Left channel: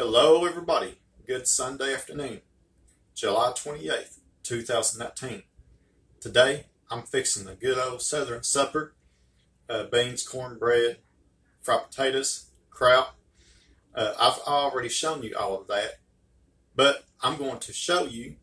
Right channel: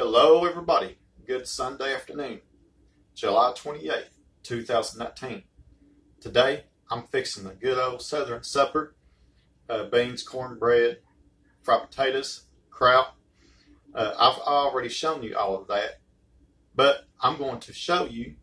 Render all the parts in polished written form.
Hello, everybody. Good Sunday afternoon, July 28th, 2019. Today, I'm fixing a good old Southern supper. Beans, cornbread, fried potatoes, kraut. I've already shown you all of that, but I'm going to show you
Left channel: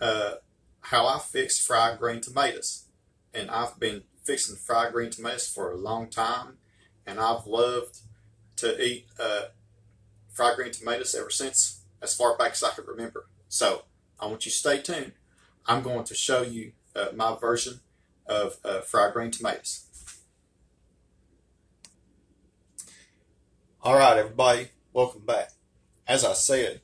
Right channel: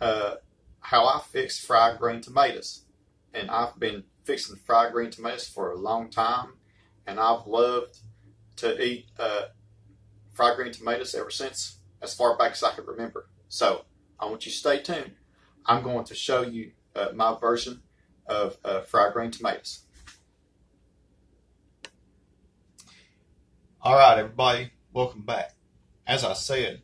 how I fix fried green tomatoes. And I've been fixing fried green tomatoes for a long time, and I've loved to eat fried green tomatoes ever since, as far back as I could remember. So I want you to stay tuned. I'm going to show you my version of fried green tomatoes. All right, everybody, welcome back. As I said,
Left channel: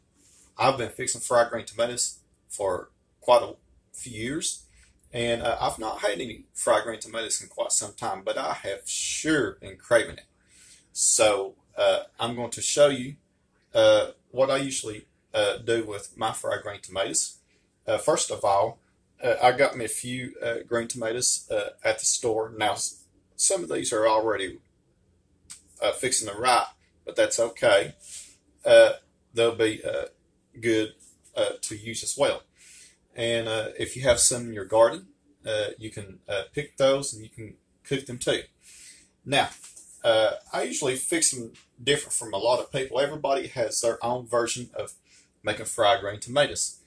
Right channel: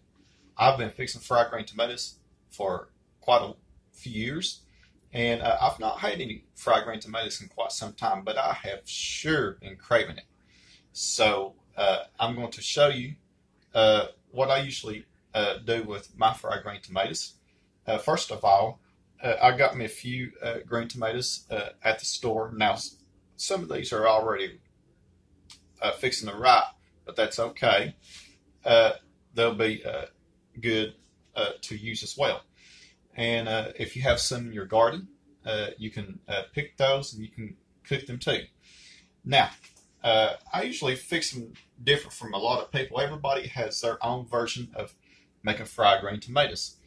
I've been fixing fried green tomatoes for quite a few years, and I've not had any fried green tomatoes in quite some time, but I have sure been craving it. So I'm going to show you what I usually do with my fried green tomatoes. First of all, I got me a few green tomatoes at the store. Now, some of these are already fixing to rot, but that's okay. They'll be good to use as well. And if you have some in your garden, you can pick those and you can cook them too. Now, I usually fix them different from a lot of people. Everybody has their own version of making fried green tomatoes.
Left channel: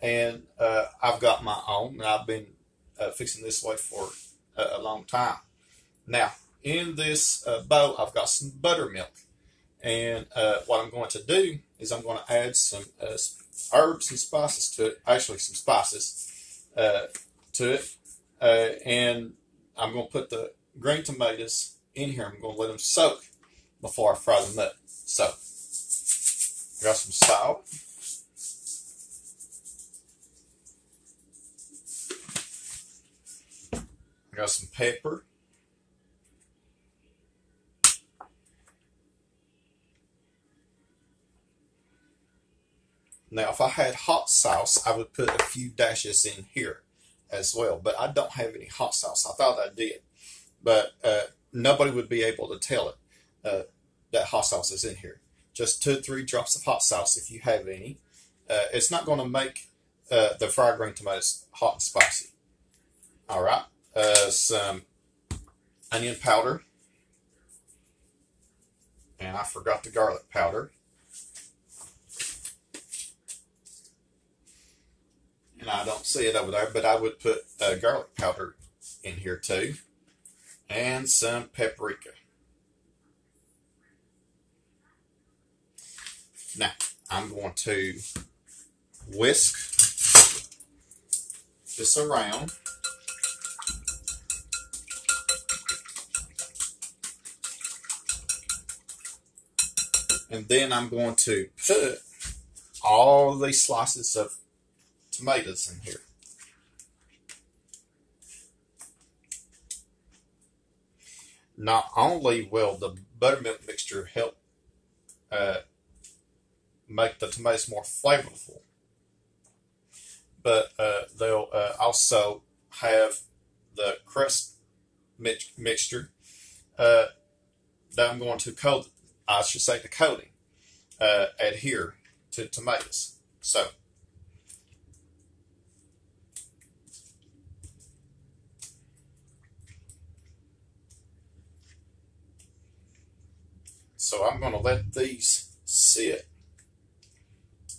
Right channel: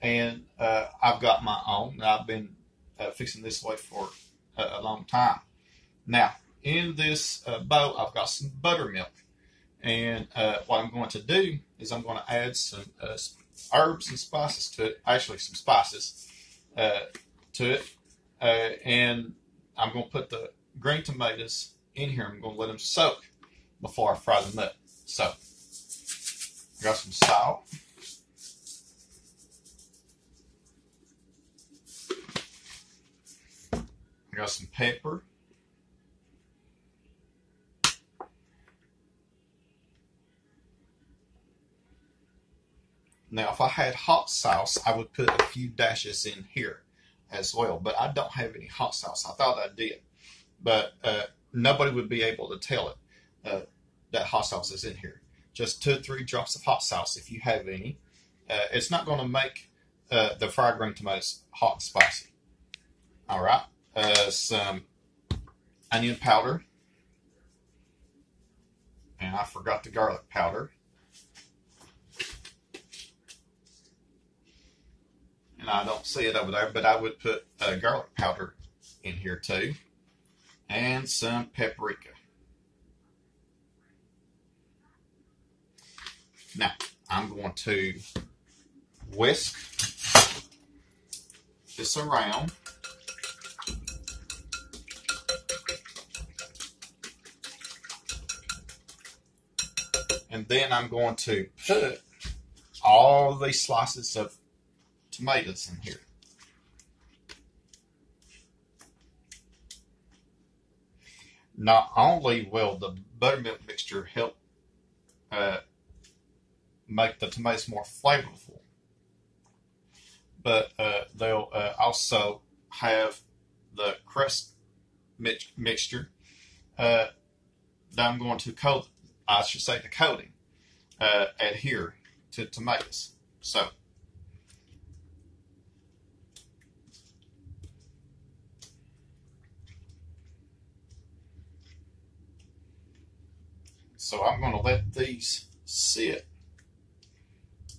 And I've got my own, and I've been fixing this way for a long time. Now, in this bowl, I've got some buttermilk. And what I'm going to do is I'm going to add some herbs and spices to it, actually some spices to it. And I'm going to put the green tomatoes in here. I'm going to let them soak before I fry them up. So, I got some salt. I got some pepper. Now, if I had hot sauce, I would put a few dashes in here as well. But I don't have any hot sauce. I thought I did. But nobody would be able to tell it that hot sauce is in here. Just 2 or 3 drops of hot sauce if you have any. It's not going to make the fried green tomatoes hot and spicy. All right. Some onion powder. And I forgot the garlic powder. And I don't see it over there, but I would put garlic powder in here too. And some paprika. Now, I'm going to whisk this around. And then I'm going to put all these slices of tomatoes in here. Not only will the buttermilk mixture help make the tomatoes more flavorful, but they'll also have the crust mixture that I'm going to coat, I should say the coating, adhere to tomatoes. So I'm going to let these sit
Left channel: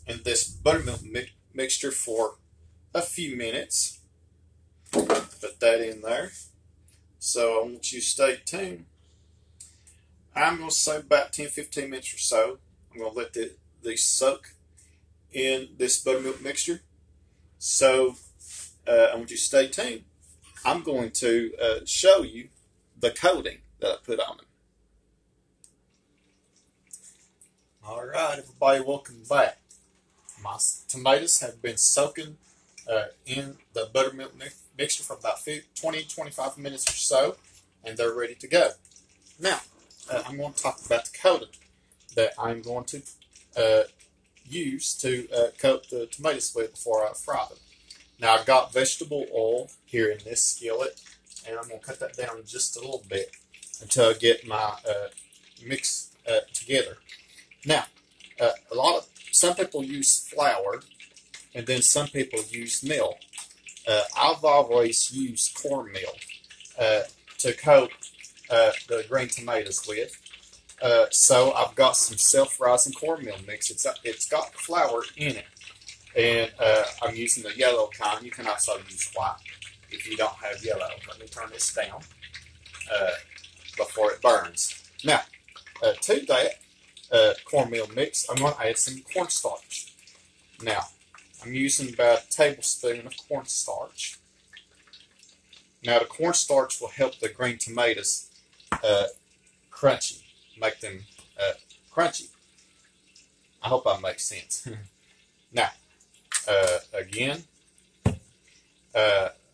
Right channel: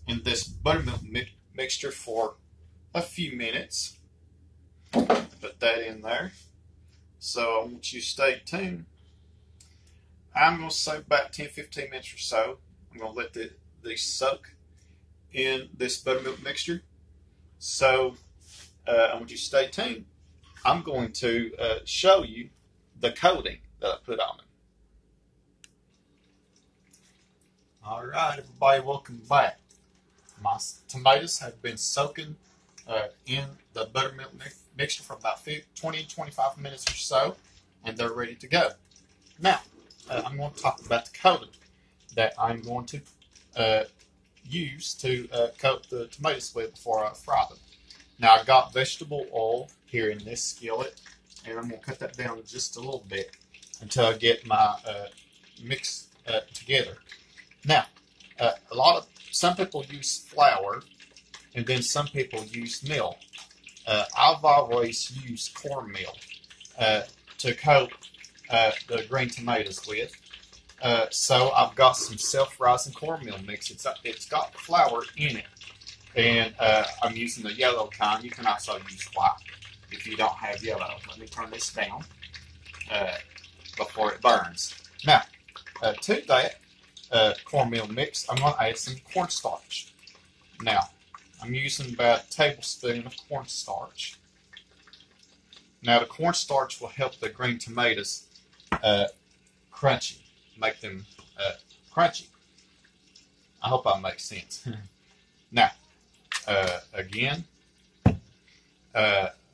in this buttermilk mixture for a few minutes. Put that in there. So I want you to stay tuned. I'm going to say about 10-15 minutes or so. I'm going to let these soak in this buttermilk mixture. So I want you to stay tuned. I'm going to show you the coating that I put on it. All right, everybody, welcome back. My tomatoes have been soaking in the buttermilk mixture for about 20-25 minutes or so, and they're ready to go. Now, I'm going to talk about the coating that I'm going to use to coat the tomatoes with before I fry them. Now, I've got vegetable oil here in this skillet, and I'm going to cut that down just a little bit until I get my mix together. Now, Some people use flour, and then some people use meal. I've always used cornmeal to coat the green tomatoes with. So I've got some self-rising cornmeal mix. It's got flour in it, and I'm using the yellow kind. You can also use white if you don't have yellow. Let me turn this down before it burns. Now, to that cornmeal mix, I'm going to add some cornstarch. Now, I'm using about a tablespoon of cornstarch. Now, the cornstarch will help the green tomatoes crunchy, make them crunchy. I hope I make sense. Now, again,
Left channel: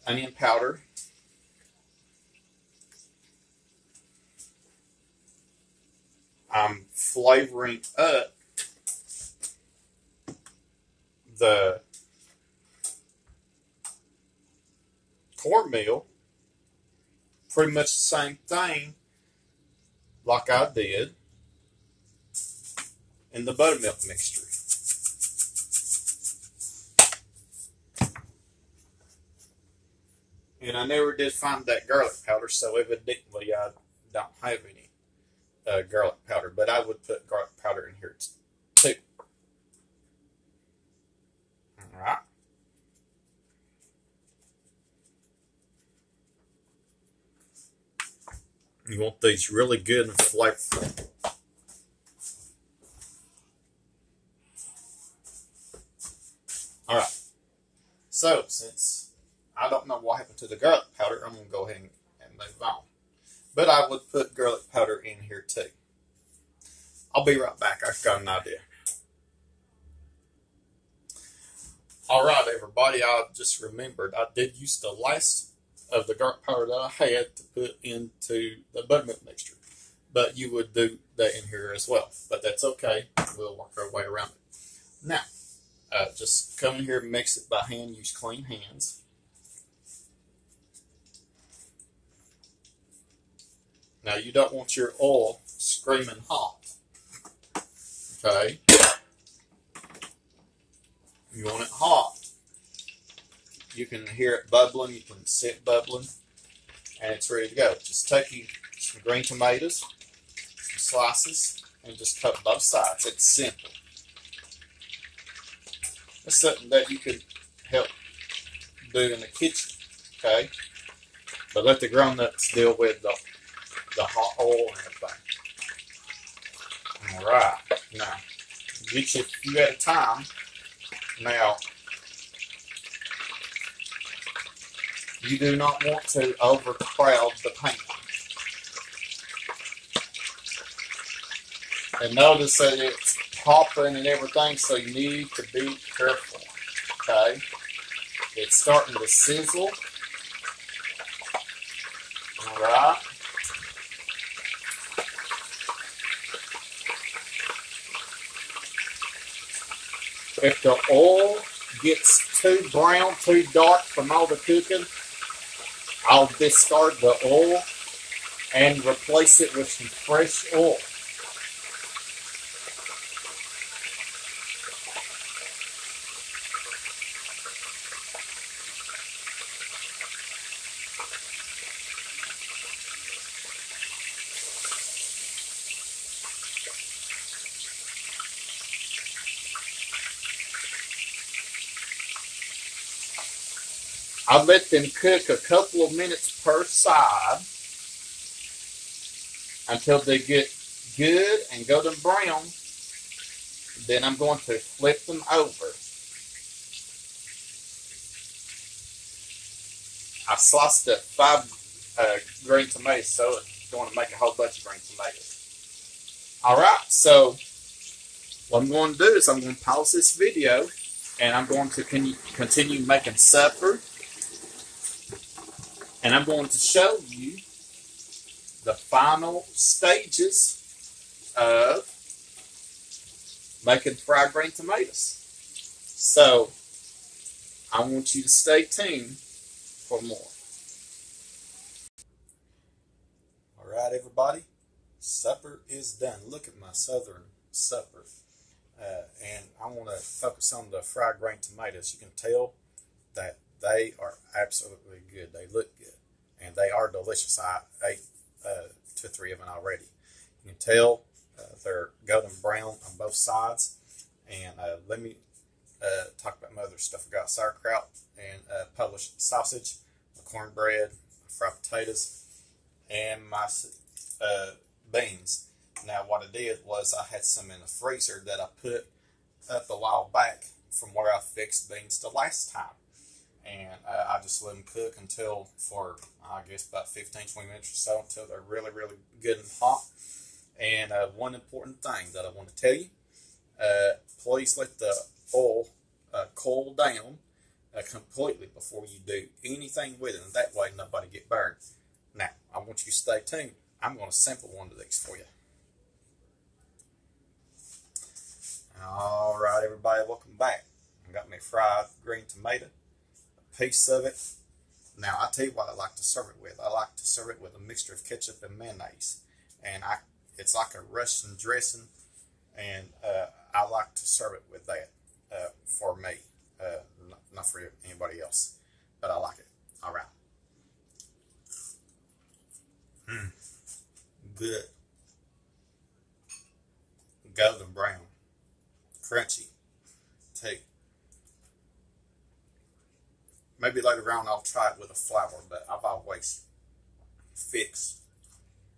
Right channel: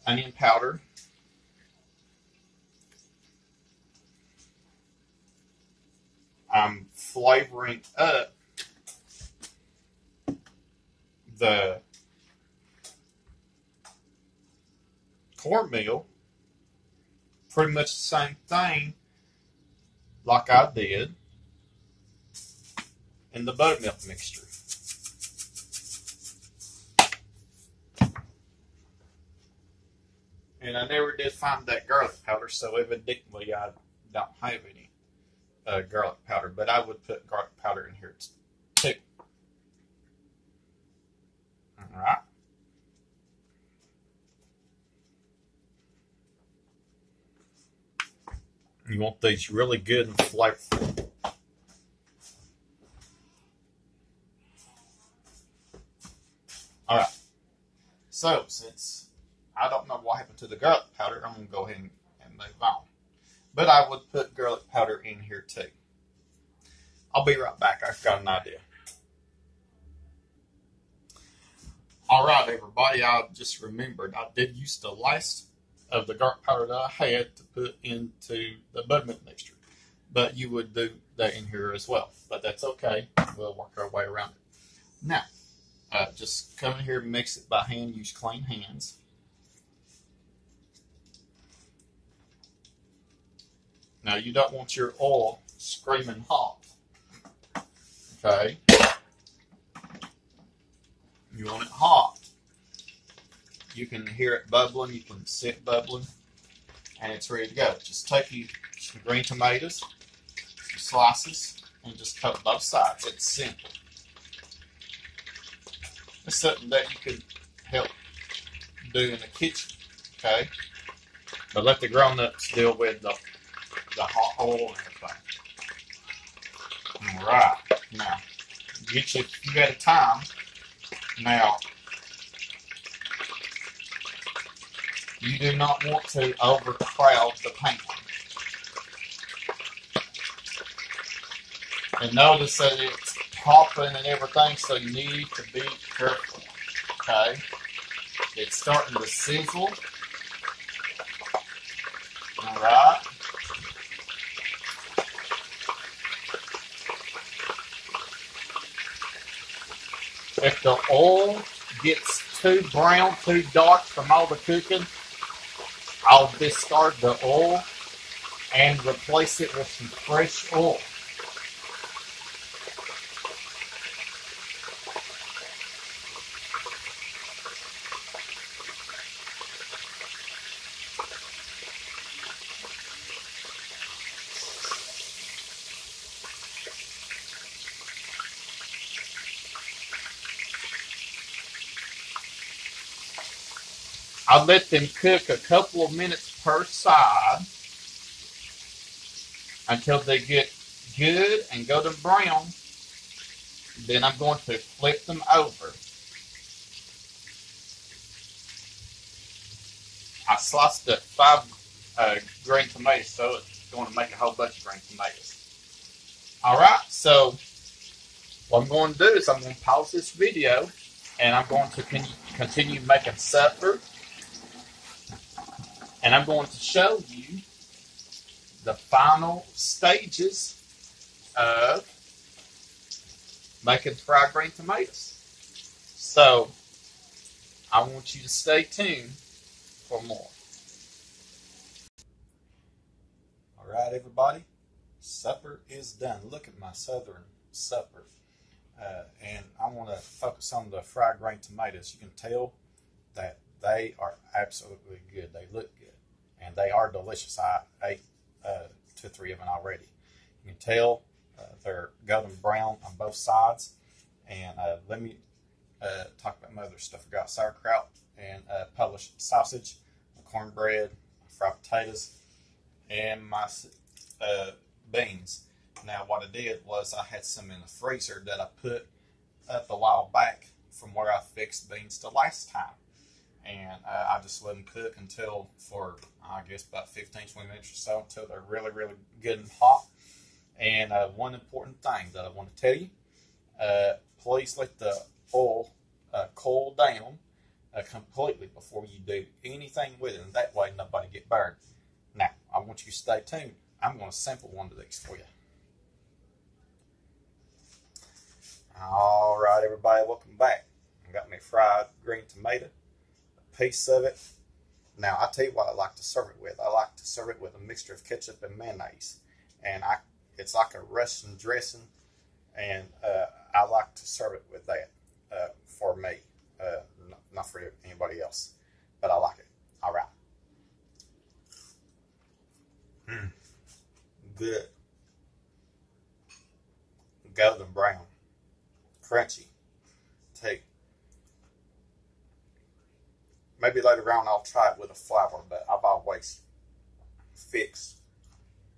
onion powder. I'm flavoring up the cornmeal, pretty much the same thing like I did in the buttermilk mixture. And I never did find that garlic powder, so evidently I don't have any garlic powder, but I would put garlic powder in here too. All right. You want these really good and flavorful. All right. So, since I don't know what happened to the garlic powder, I'm going to go ahead and move on. But I would put garlic powder in here too. I'll be right back. I've got an idea. All right, everybody. I just remembered I did use the last of the garlic powder that I had to put into the buttermilk mixture. But you would do that in here as well. But that's okay. We'll work our way around it. Now, just come in here and mix it by hand. Use clean hands. Now, you don't want your oil screaming hot. Okay? You want it hot. You can hear it bubbling. You can see it bubbling. And it's ready to go. Just take you some green tomatoes, some slices, and just coat both sides. It's simple. It's something that you could help do in the kitchen. Okay? But let the grown-ups deal with the hot oil and everything. All right. Now, get you a few at a time. Now, you do not want to overcrowd the pan. And notice that it's popping and everything, so you need to be careful. Okay? It's starting to sizzle. All right. If the oil gets too brown, too dark from all the cooking, I'll discard the oil and replace it with some fresh oil. I'll let them cook a couple of minutes per side until they get good and golden brown. Then I'm going to flip them over. I sliced up 5 green tomatoes, so it's going to make a whole bunch of green tomatoes. All right, so what I'm going to do is I'm going to pause this video, and I'm going to continue making supper. And I'm going to show you the final stages of making fried green tomatoes. So, I want you to stay tuned for more. All right, everybody. Supper is done. Look at my southern supper. And I want to focus on the fried green tomatoes. You can tell that they are absolutely good. They look good, and they are delicious. I ate 2 or 3 of them already. You can tell they're golden brown on both sides. And let me talk about my other stuff. I got sauerkraut and Polish sausage, cornbread, fried potatoes, and my beans. Now, what I did was I had some in the freezer that I put up a while back from where I fixed beans the last time. And I just let them cook until, for I guess about 15-20 minutes or so, until they're really, really good and hot. And one important thing that I want to tell you, please let the oil cool down completely before you do anything with it, and that way nobody get burned. Now, I want you to stay tuned. I'm going to sample one of these for you. All right, everybody, welcome back. I got me fried green tomato, a piece of it. Now, I tell you what I like to serve it with. I like to serve it with a mixture of ketchup and mayonnaise, and it's like a Russian dressing, and I like to serve it with that for me, not for anybody else, but I like it. All right. Good. Golden brown. Crunchy. Take. Maybe later on I'll try it with a flour, but I've always fixed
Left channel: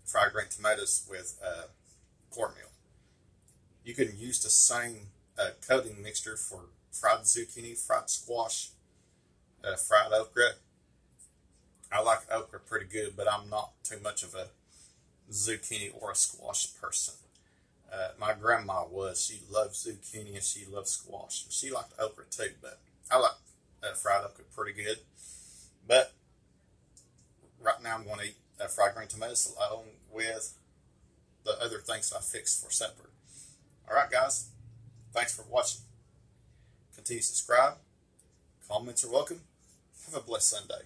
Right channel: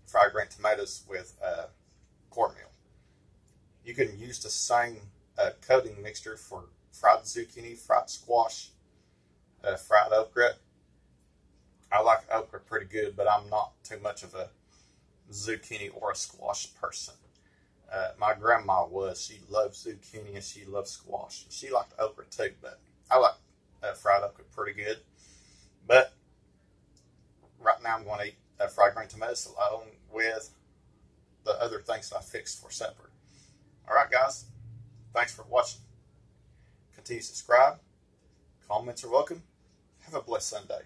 fried green tomatoes with cornmeal. You can use the same coating mixture for fried zucchini, fried squash, fried okra. I like okra pretty good, but I'm not too much of a zucchini or a squash person. My grandma was. She loved zucchini and she loved squash. She liked okra too, but I like fried okra pretty good. But right now I'm going to eat fried green tomatoes along with the other things I fixed for supper. All right, guys. Thanks for watching. Continue to subscribe. Comments are welcome. Have a blessed Sunday.